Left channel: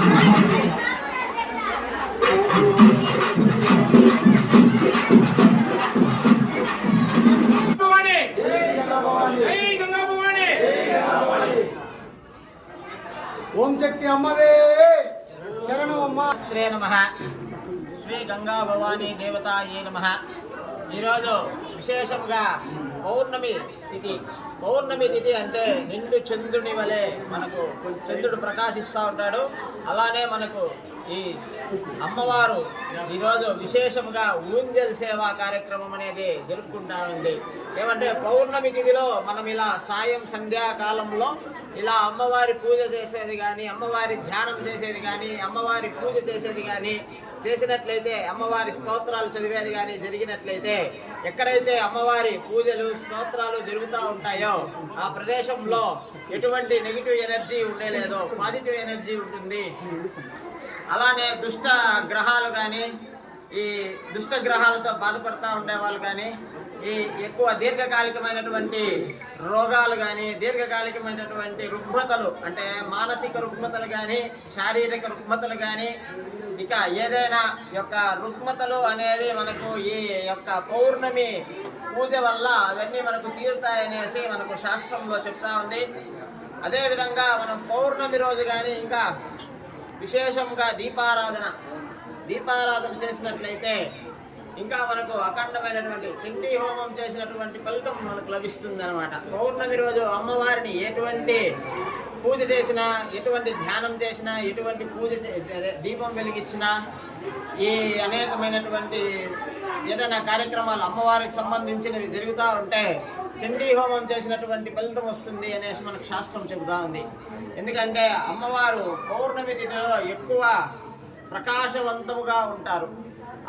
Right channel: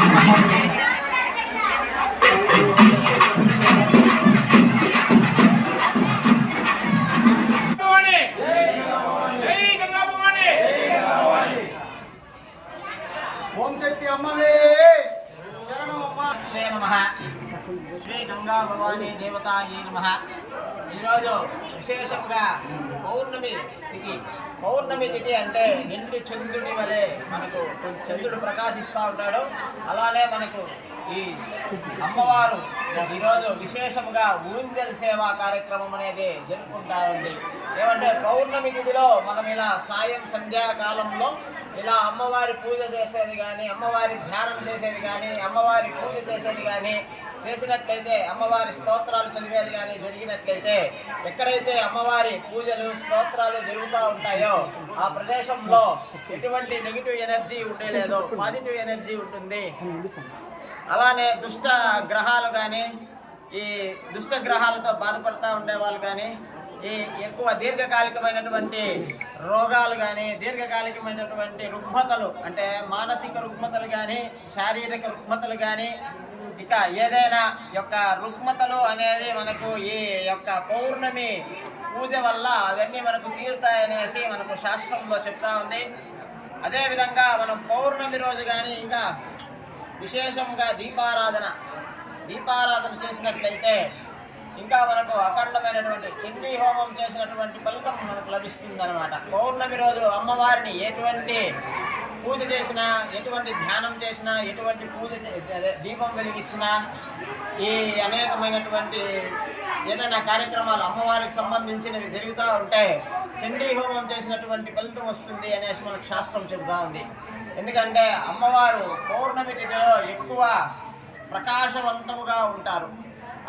ఓం శక్తి అమ్మవే శరణమమ్మ. నమః. శ్రీ గంగా భవానీ దేవతాయే నమః. ఈరోజు విశేషంగా పౌర్ణమి తిథి. పౌర్ణమి తిథి అంటే నిండు చంద్రుని వలె మనకు చంద్రుడు ప్రకాశిస్తూ ఉంటాడు. అలానే మనకు ఈ అమ్మవారు ఈరోజు విశేషంగా ఊంజల్ సేవా కార్యక్రమం అనేది జరుపుకుంటా ఉంది. ఏమంటే పౌర్ణమి తిథిలో మనం ఇలా సాయం సంధ్యాకాలంలో ఇలా అమ్మవారి పూజ చేసేది కానీ, అమ్మవారి ధ్యానం చేసేది కానీ, అమ్మవారి పూజ చేసేది కానీ చేసినట్లయితే, అమ్మవారి స్తోత్రాలు చదివేది కానీ జరిగినట్లయితే, ఎక్కడైతే అమ్మవారి పూజలు స్తోత్రాలు జరుగుతూ ఉంటాయో ఆ ప్రదేశంలో ఎటువంటి నెగిటివ్ ఎనర్జీ ఉండేలేదో పాజిటివ్ ఎనర్జీ ఉంటుంది. అలానే దుష్ట గ్రహాలు కానీ, ఈ దుష్ట గ్రహాలతో బాధపడుతూ ఉండేవాళ్ళు కానీ, ఈ ఎక్కువ దీర్ఘకాలికమైనటువంటి రోగాలు కానీ, దీర్ఘకాలికమైనటువంటి రుగ్మతలు అంటే మానసిక రుగ్మతలు కానీ, శారీరక రుగ్మతలు కానీ, ఇక ఏదైనా యొక్క రుగ్మతలు అనేది మనకు ఈ యొక్క పౌర్ణమి పూజ వల్ల అవన్నీ మనకు తీరుతాయనేసి మనకు శాస్త్రంలో చెప్తా ఉంది. అదేవిధంగా మనం పౌర్ణమి రోజు కానీ ఇంకా విశేషంగా దీపారాధన చేసినట్లయితే ఇంకా మనకు అఖండమైనటువంటి చండీ హోమం చేసినటువంటి ఫలితం మనకు లభిస్తుంది అన్నమాట. పౌర్ణమి రోజు అమ్మవారిని ఎటువంటి పూజ చేసినా, ఎటువంటి ధ్యానం చేసినా, ఎటువంటి పూజ దీపం వెలిగించినా, ఈ అనేకమైనటువంటి ఏదైనా కార్యక్రమాలు అమ్మవారికి సంబంధించినవి జరుగుతూ ఉంటే చండీ హోమం చేసినటువంటి ఫలితం వస్తుంది అనేసి మనకు శాస్త్రం చెబుతూ ఉంది. ఎందుకంటే అమ్మవారు పౌర్ణమి తిథిలో ఎక్కువ ప్రకాశవంతముగా ఉంటారు.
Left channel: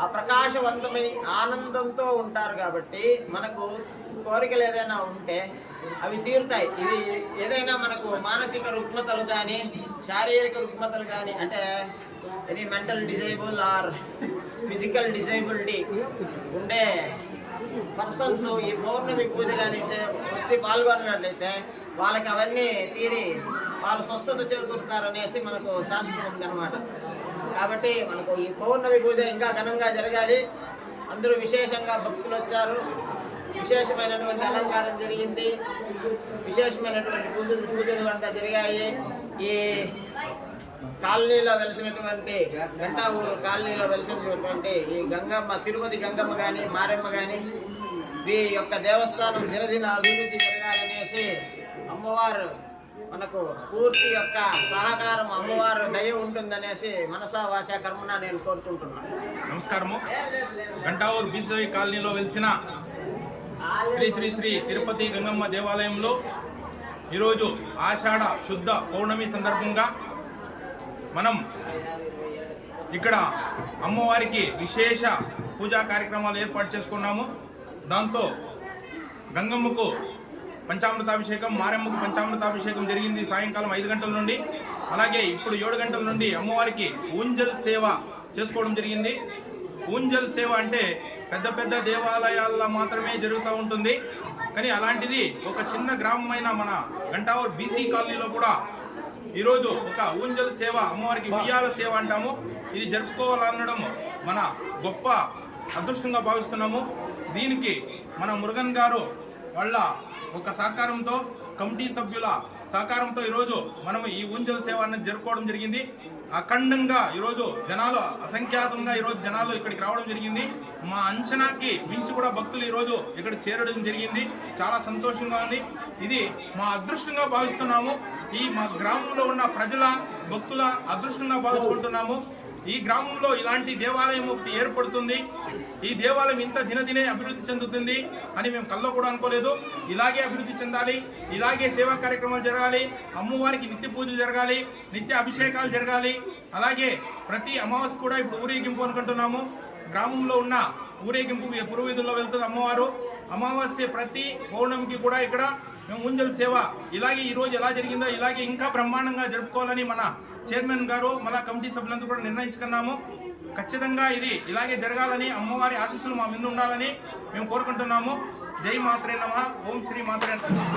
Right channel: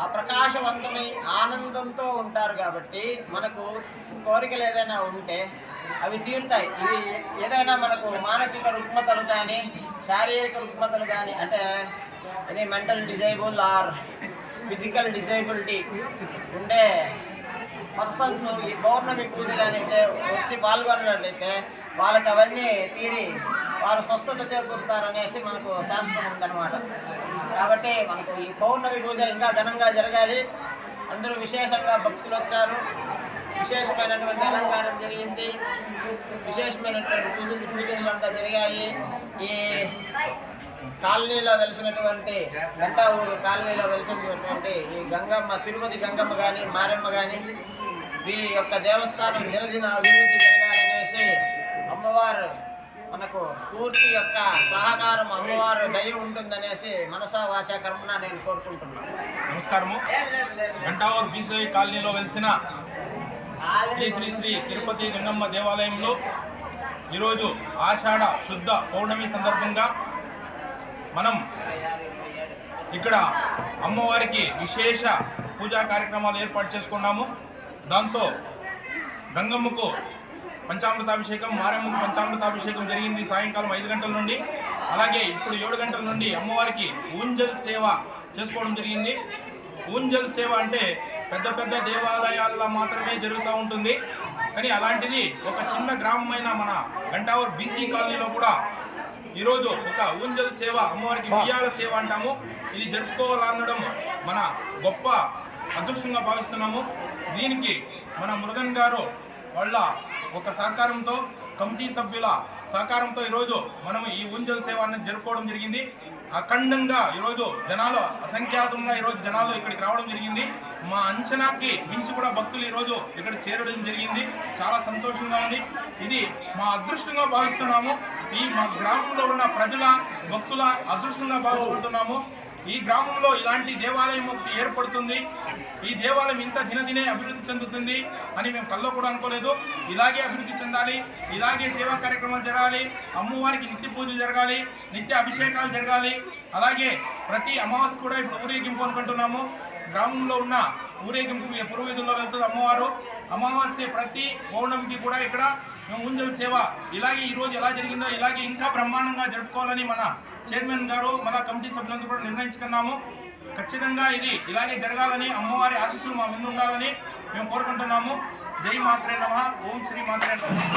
ఆ ప్రకాశవంతమై ఆనందంతో ఉంటారు కాబట్టి మనకు కోరికలు ఏదైనా ఉంటే అవి తీరుతాయి. ఇది ఏదైనా మనకు మానసిక రుగ్మతలు కానీ, శారీరక రుగ్మతలు కానీ, అంటే any mental disable or physical disability ఉండే పర్సన్స్ ఈ పౌర్ణమి పూజ కానీ వచ్చి పాల్గొన్నట్లయితే వాళ్ళకి అవన్నీ తీరి వాళ్ళు స్వస్థత చేకూరుతారనేసి మనకు శాస్త్రం ఉందన్నమాట. కాబట్టి మనకు ఈ పౌర్ణమి పూజ ఇంకా ఘనంగా జరగాలి. అందరూ విశేషంగా భక్తులు వచ్చారు. విశేషమైనటువంటి అలంకారం జరిగింది. విశేషమైనటువంటి పూజలు అంతా జరిగాయి. ఈ కాలనీలో వెలిసినటువంటి గంటా ఊరు కాలనీలో వెలిసినటువంటి ఈ గంగమ్మ, తిరుపతి గంగమ్మ కానీ, మారెమ్మ కానీ, ఈ యొక్క దేవస్థానం దినదిన అభివృద్ధి జరగాలనేసి అమ్మవారు మనకు పూర్తి యొక్క సహకారం, అమ్మవారు దయ ఉంటుందనేసి మనసా వాచ కర్మన నేను కోరుకుంటున్నాను. నమస్కారము. గంటావూరు బీసీ కాలనీలో వెలిసిన శ్రీ శ్రీ శ్రీ తిరుపతి గంగమ్మ దేవాలయంలో ఈరోజు ఆషాఢ శుద్ధ పౌర్ణమి సందర్భంగా మనం ఇక్కడ అమ్మవారికి విశేష పూజా కార్యక్రమాలు ఏర్పాటు చేసుకున్నాము. దాంతో గంగమ్మకు పంచామృతాభిషేకం, మారెమ్మకు పంచామృతాభిషేకం జరిగింది సాయంకాలం 5 గంటల నుండి. అలాగే ఇప్పుడు 7 గంటల నుండి అమ్మవారికి ఊంజల్ సేవ చేసుకోవడం జరిగింది. ఊంజల్ సేవ అంటే పెద్ద పెద్ద దేవాలయాల్లో మాత్రమే జరుగుతూ ఉంటుంది. కానీ అలాంటిది ఒక చిన్న గ్రామమైన మన గంటావూరు బీసీ కాలనీలో కూడా ఈరోజు ఒక ఊంజల్ సేవ, అమ్మవారికి ఉయ్యాల సేవ అంటాము, ఇది జరుపుకోవాలనడం మన గొప్ప అదృష్టంగా భావిస్తున్నాము. దీనికి మన మురుగన్ గారు వాళ్ళ ఒక సహకారంతో, కమిటీ సభ్యుల సహకారంతో ఈరోజు మనము ఈ ఊంజల్ సేవ అనేది జరుపుకోవడం జరిగింది. అఖండంగా ఈరోజు జనాలు అసంఖ్యాతంగా ఈరోజు జనాలు ఇక్కడికి రావడం జరిగింది. మా అంచనాకి మించి కూడా భక్తులు ఈరోజు ఇక్కడ చేరడం జరిగింది. చాలా సంతోషంగా ఉంది. ఇది మా అదృష్టంగా భావిస్తున్నాము. ఈ మా గ్రామంలో ఉన్న ప్రజల, భక్తుల అదృష్టంగా భావించుకుంటున్నాము. ఈ గ్రామంలో ఇలాంటి దేవాలయం ఒకటి ఏర్పడుతుంది, ఈ దేవాలయం ఇంత దినదినే అభివృద్ధి చెందుతుంది అని మేము కల్లో కూడా అనుకోలేదు. ఇలాగే అభివృద్ధి చెందాలి, ఇలాగే సేవా కార్యక్రమాలు జరగాలి, అమ్మవారికి నిత్య పూజలు జరగాలి, నిత్య అభిషేకాలు జరగాలి. అలాగే ప్రతి అమావాస్య కూడా ఇప్పుడు ఊరేగింపు అనుకుంటున్నాము. గ్రామంలో ఉన్న ఊరేగింపు పురోవీధుల్లో వెళ్తుంది అమ్మవారు. అమావాస్య ప్రతి పౌర్ణమికి కూడా ఇక్కడ మేము ఊంజల్ సేవ ఇలాగే ఈరోజు ఎలా జరిగిందో ఇలాగే ఇంకా బ్రహ్మాండంగా జరుపుకోవాలని మన చైర్మన్ గారు, మన కమిటీ సభ్యులందరూ కూడా నిర్ణయించుకున్నాము. ఖచ్చితంగా ఇది ఇలాగే జరగాలని, అమ్మవారి ఆశీస్సులు మా మీద ఉండాలని మేము కోరుకుంటున్నాము. జై మాత్రే నమః. ఓం శ్రీ మాత్రే నమః.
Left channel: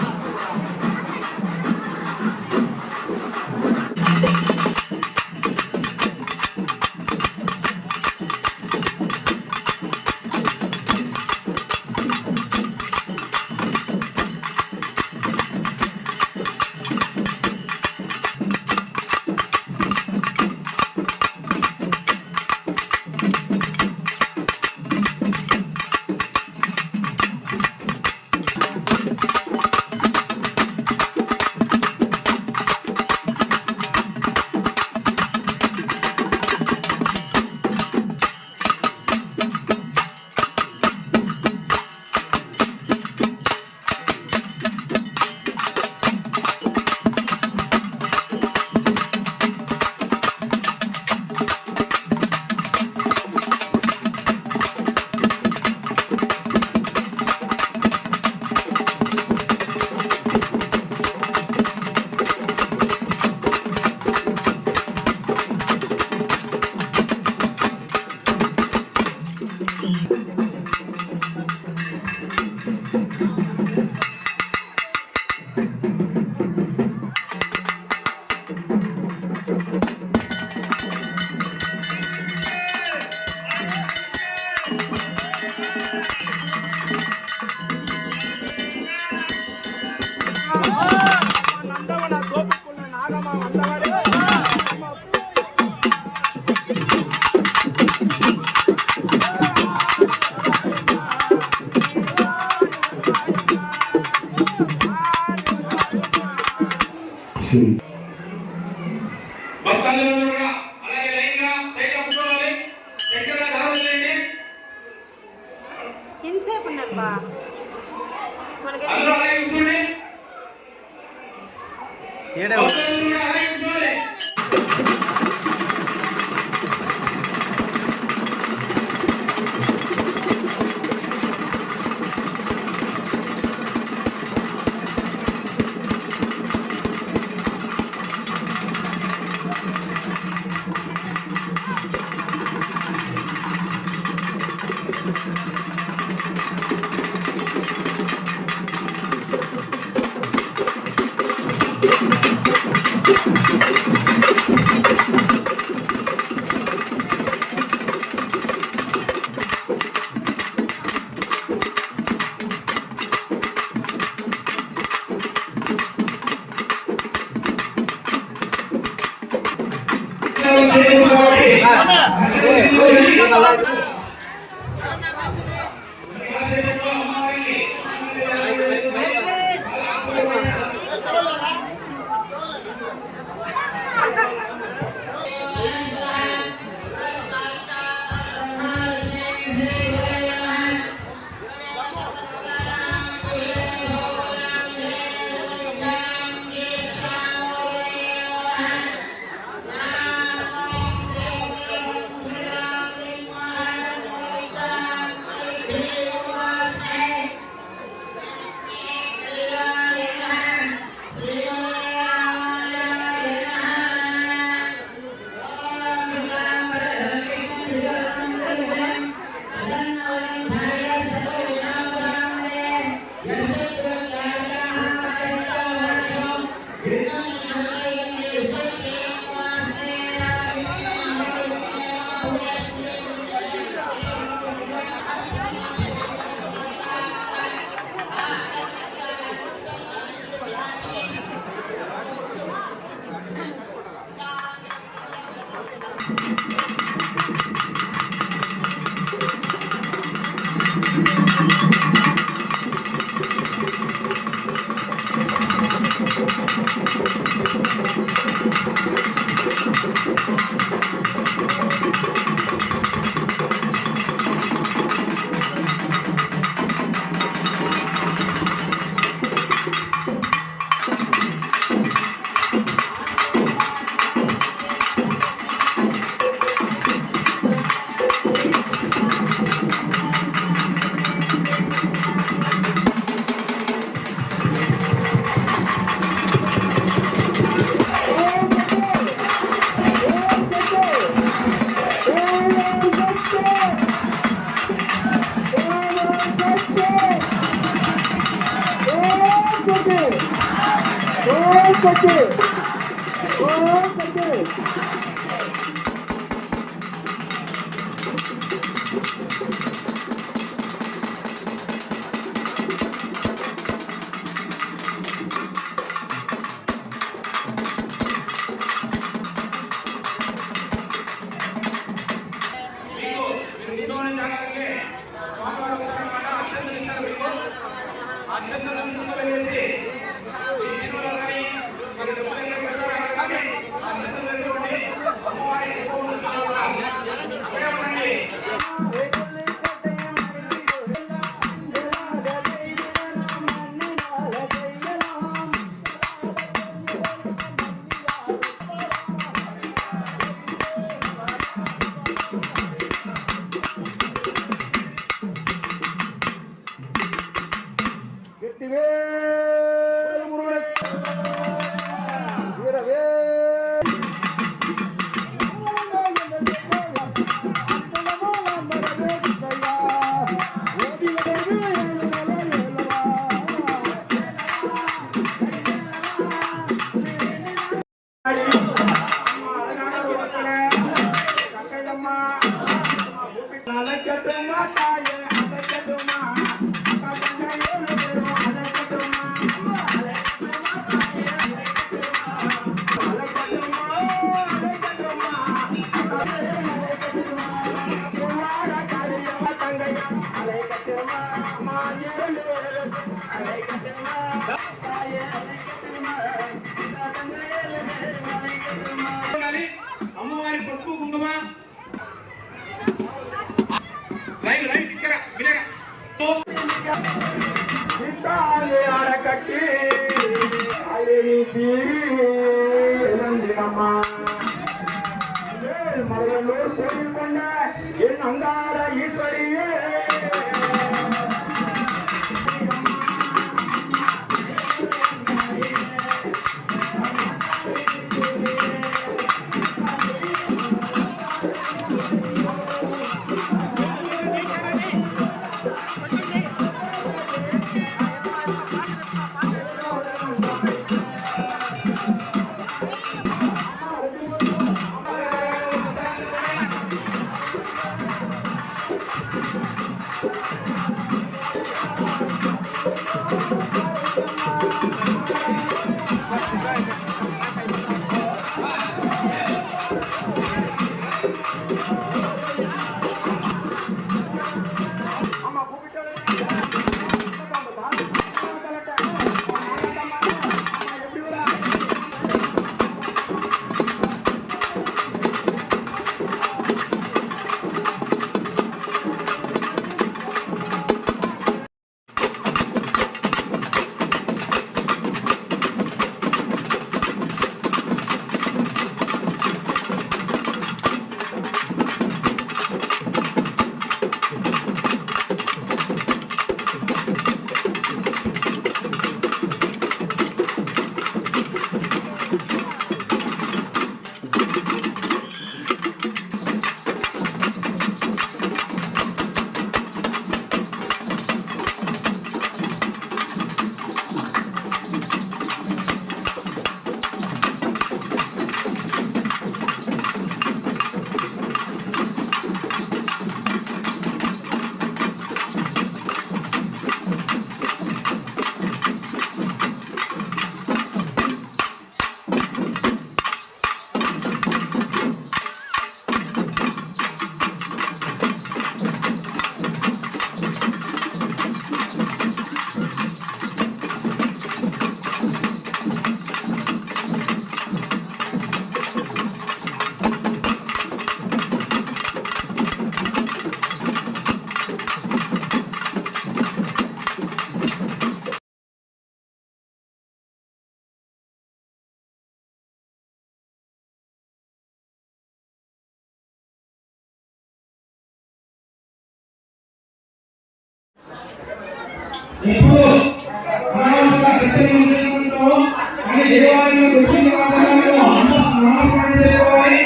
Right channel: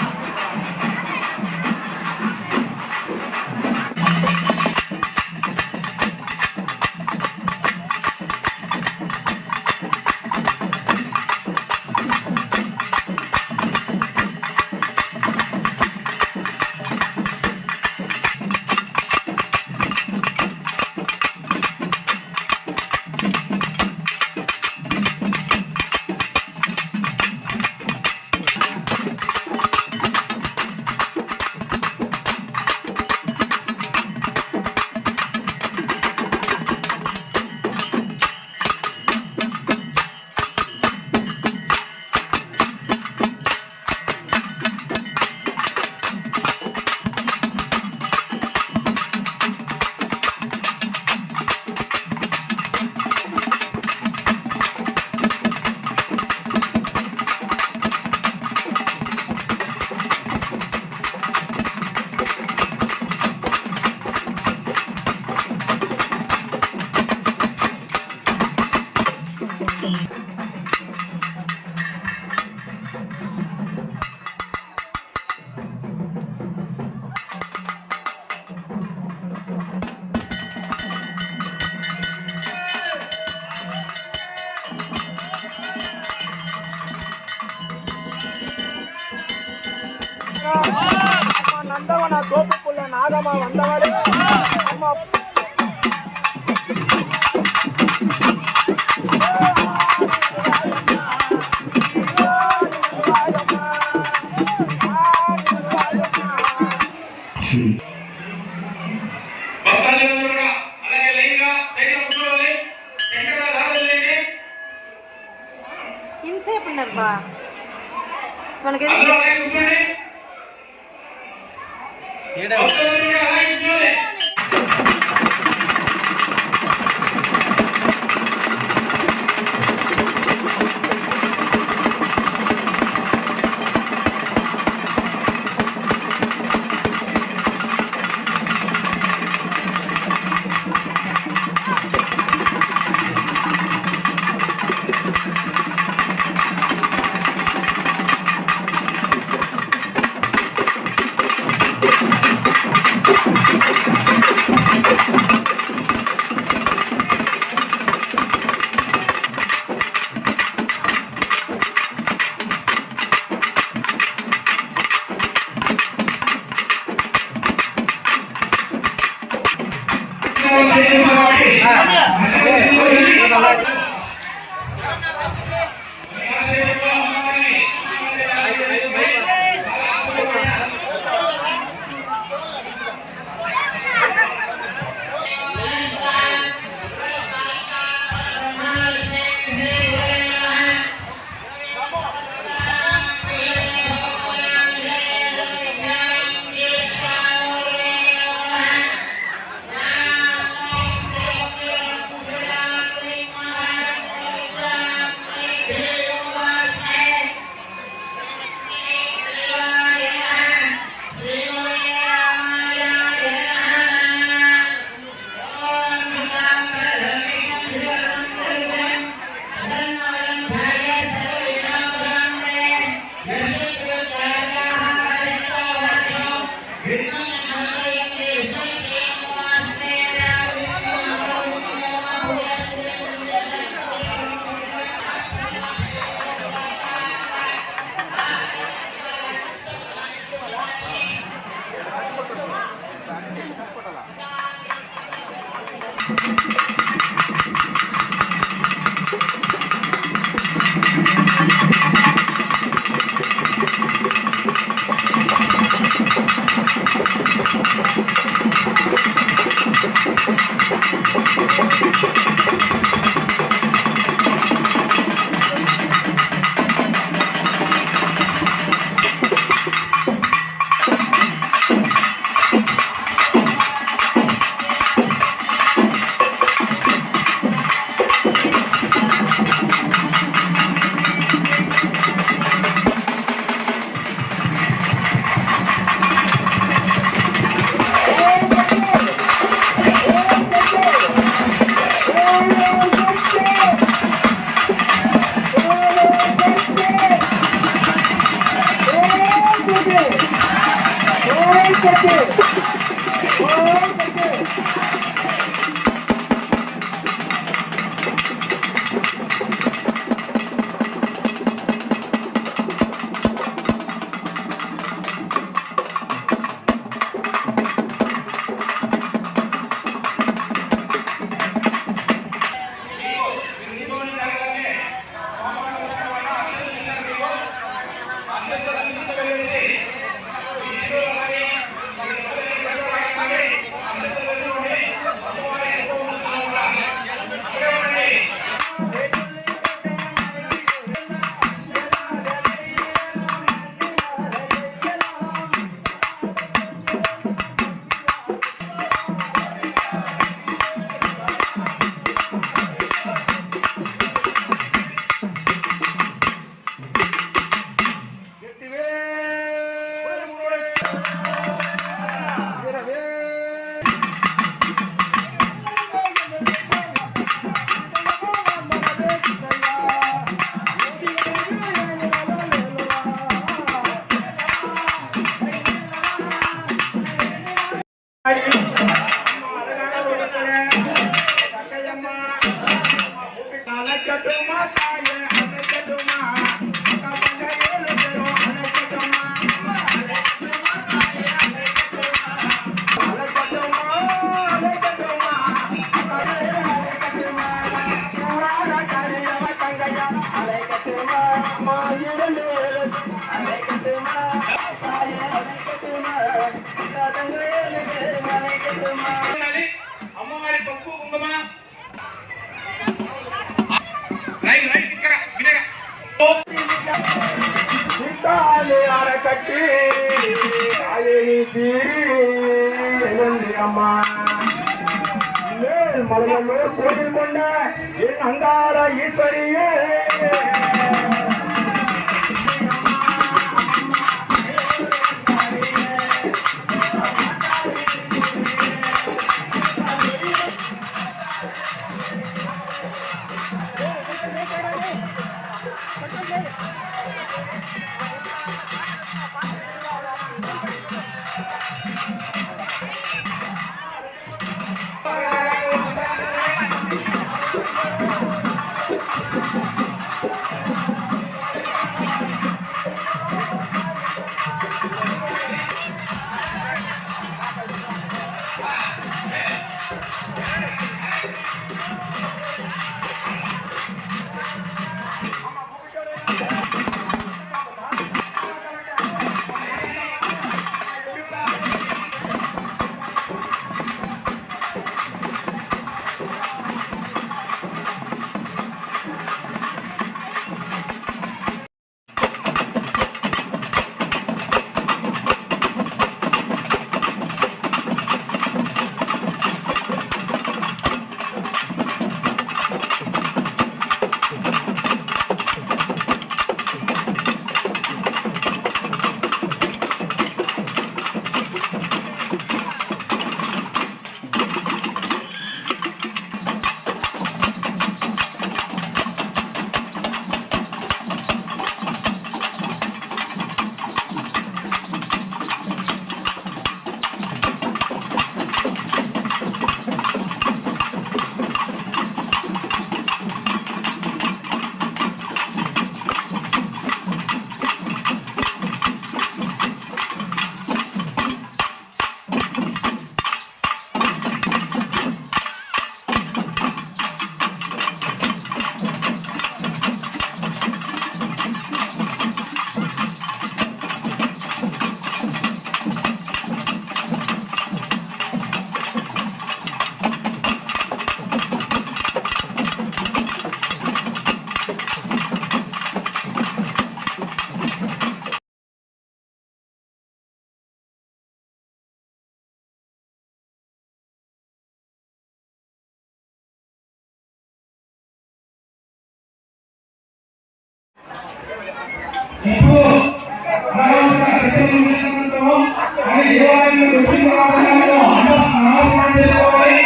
నందవన గోపపుల్ల నాగమ వందవడు ఇంతసేపు ఉన్నారమ్మా మనకి అత్యంత అలైకటుమా తాయే అలైకటుమా కబంగయేలు దేవో అలైకటుమా అమ్మవారి పసుపు కుంకుమ రైట్ రైట్ ఇక్కడ వినయ ఇంతాలే అరకట్టి కాలేని తీరి అమ్మా మరలో కోరుకొండ ఏ అందాల ఈశ్వరియే ఇప్పుడు ఆయన దేవాలయంలో వచ్చిన నమస్కారం చేసుకోవాలి.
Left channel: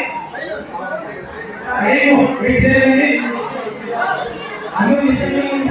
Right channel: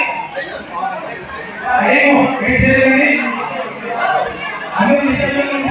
అందరూ